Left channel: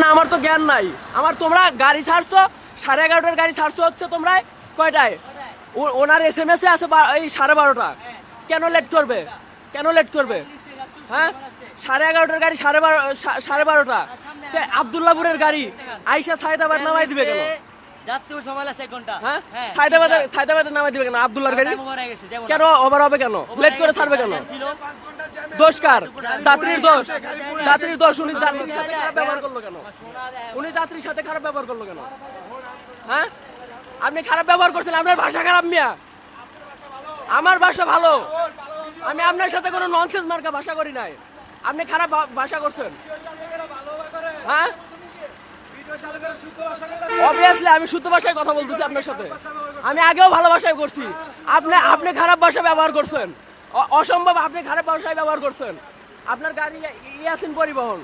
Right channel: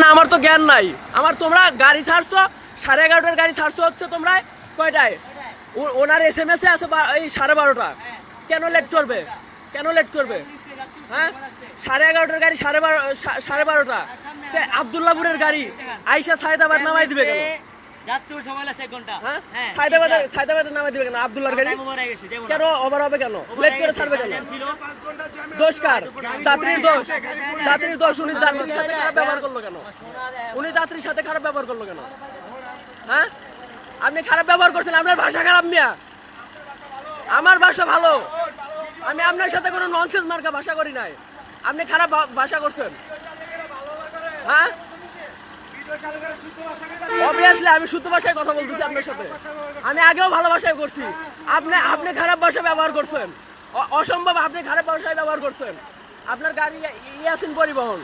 না, আমার তো জ্ঞান নাই। আমার তোমরা গাড়ি ছাড়ছো 11:30টার গাড়ি ছাড়ছো হচ্ছে তোমরা কয়টায়? ওনার SMS এ আছে এই 12:30টা। কেন লেট করবে? কেন লেট করবে? হ্যাঁ, 11:30টার গাড়ি 12:30টা। আব্দুল্লাহপুরের গাড়ি আইসা সায়দাবাদ নামাই দিবে কেন? সায়দাবাদে নামাই দিবে কেন আব্দুল্লাহর গাড়ি? কেন ওভার হবে কেন? লেট করে ছাড়বে কেন? দোষ কার? যাত্রীর দোষ। যাত্রীর দোষ। উনি যাত্রীর সাথে খারাপ ব্যবহার করলো কেন? উনি যাত্রীর সাথে খারাপ ব্যবহার করলো কেন? হ্যাঁ, আপনি খারাপ ব্যবহার করছেন। আপনার ভাষা খারাপ মিয়া। আমার ভাষা ভালো। আমি আপনার সাথে কোনো ননসেন্স মার্কা ভাষা করি নাই। আপনি খারাপ ভাষা করছেন। হ্যাঁ, অবভিয়াসলি আমি শুদ্ধ ভাষায় কথা বলতেছি আপনার সাথে। আমি আগেও ভালো ভাষায় করছি। আপনি খারাপ ভাষা ব্যবহার করছেন। অসম্ভব, আপনি খারাপ ভাষায় ব্যবহার করছেন। আপনার গাড়ি ইয়াসিন পরিবহন।